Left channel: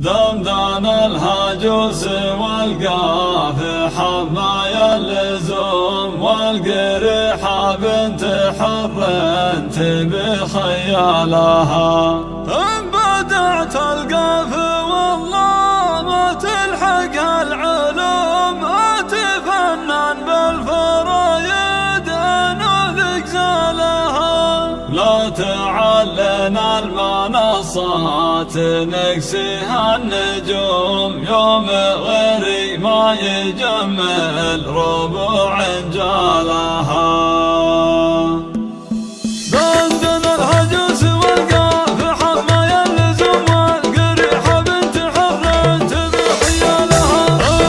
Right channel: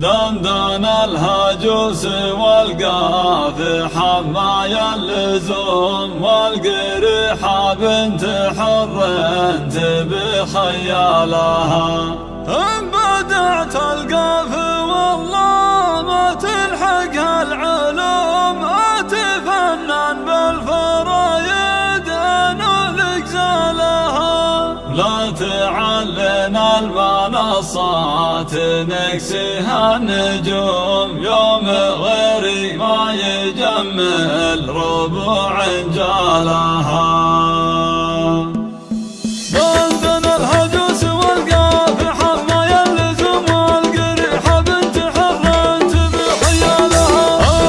دندن الهجوس والقاف حمايا اللزوم والقريحة بنت حر بخيالها. إن بدعت القاف والله ما تلحقها العلوم، أتفنن بالفرايد أنولك زالها. لا تعلن المنصات نكسيها النجوم، يوم غيري ما يجمل ربوع جالها. دندن الهجوس والقاف حمايا اللزوم والقريحة بنت حر بخيالها.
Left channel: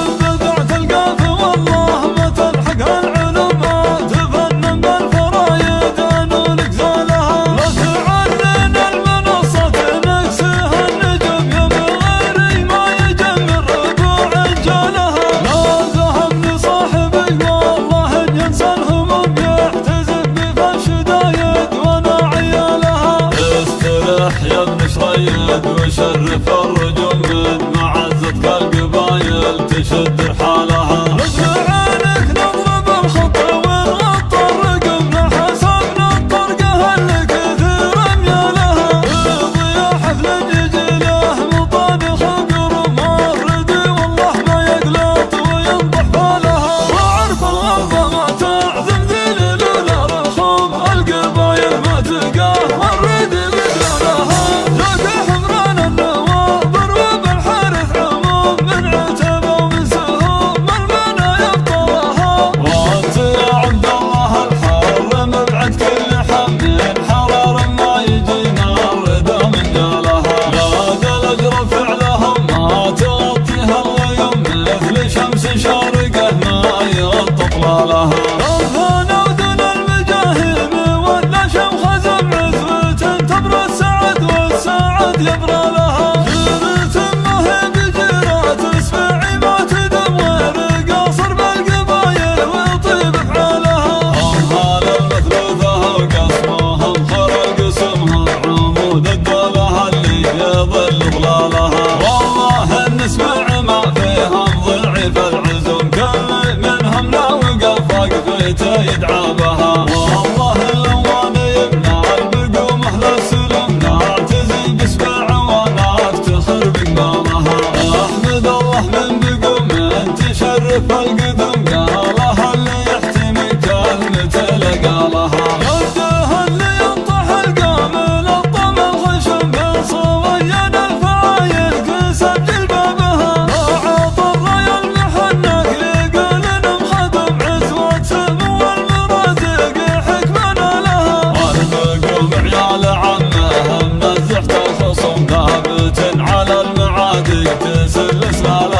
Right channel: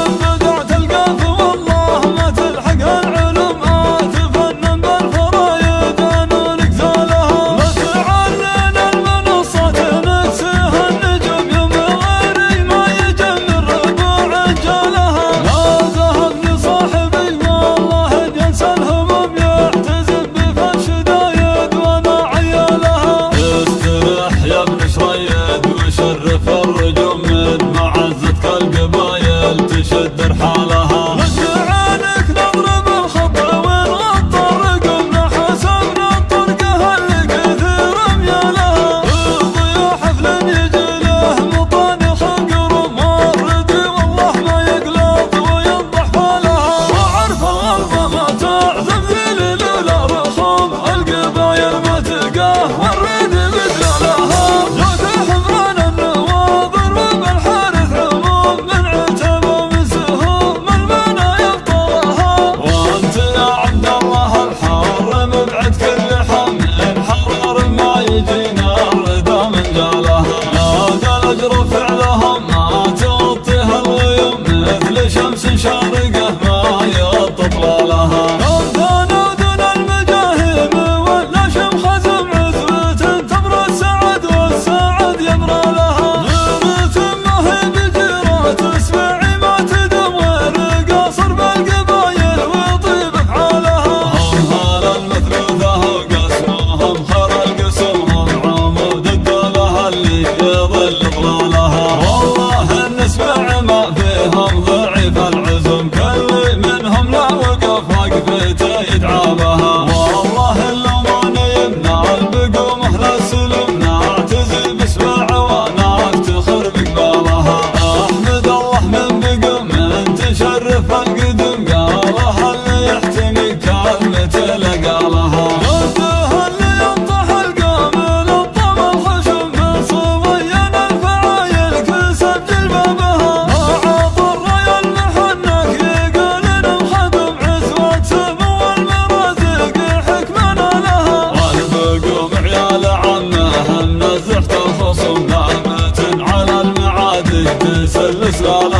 إن بدعت القاف والله ما تلحقها العلوم، أتفنن بالفرايد أنولك زالها. لا تعلن المنصات نكسيها النجوم، يوم غيري ما يجمل ربوع جالها. لا زهقني صاحبي والله جنس الهموم، يحتزم بفش دايد وانا عيالها. استرح يا ابن شريد وشرف الرجوم، من معزتك القبايل تشد رحالها. نجعلك نضرب الخط ونغطى الرقم، حسن الطرقه اللي كثير ميالها. وضيا حفل يجي له مطاني خقر مفردي والله ما يقلط وينضح فلها. وعرف الغلبه ما تعزم ذيلي لولا رخام، القبايل ما تلقاه والريد لقلالها. جاك حمران النواظر وبالحارث عموم، من عتبه وسهوم من بنا يبطلها. وانت يا عبد الله الحر مبعد كل حمل حرار، ما يجينا الرضا من جالها. لا الاجر فعلهم ما تغطيها الغيوم، مثل شمس شارقه ما يطلالها. أوثان ودن المجاهيم ولا شمخ زم عثبة، تبرى السعد والسعد يبرى لها. جنة مهب جيرات اسمعي ما تدم غير قاصر بالقبايل وطيب افعالها. أمهال المثلوثة وقسمهم خير القسمهم، عمود الدولة اللي يظل ظلالها. والله نسمع ما فيهم ضعيف العزم، كل منهم لو وقف وقفته يدعى بها. والله اللومان يمنع البقوم اهل السلم، نعتزي بسبع وانا افتخر بقبالها. احمد الله من بقوم من تشرف القدم، قالها اللي يحتمي كلمته لقالها. جده اللي ينطح القامل الطم الخشم، من صبين الفرايل كسب جلبابها. عطى الريال محنك يقال انهم خدم عزوة سب والمرزق حكمنا لها. والبقوم عيال عمهم نزحت الخصم، نابت على المعادي تسل سلالها.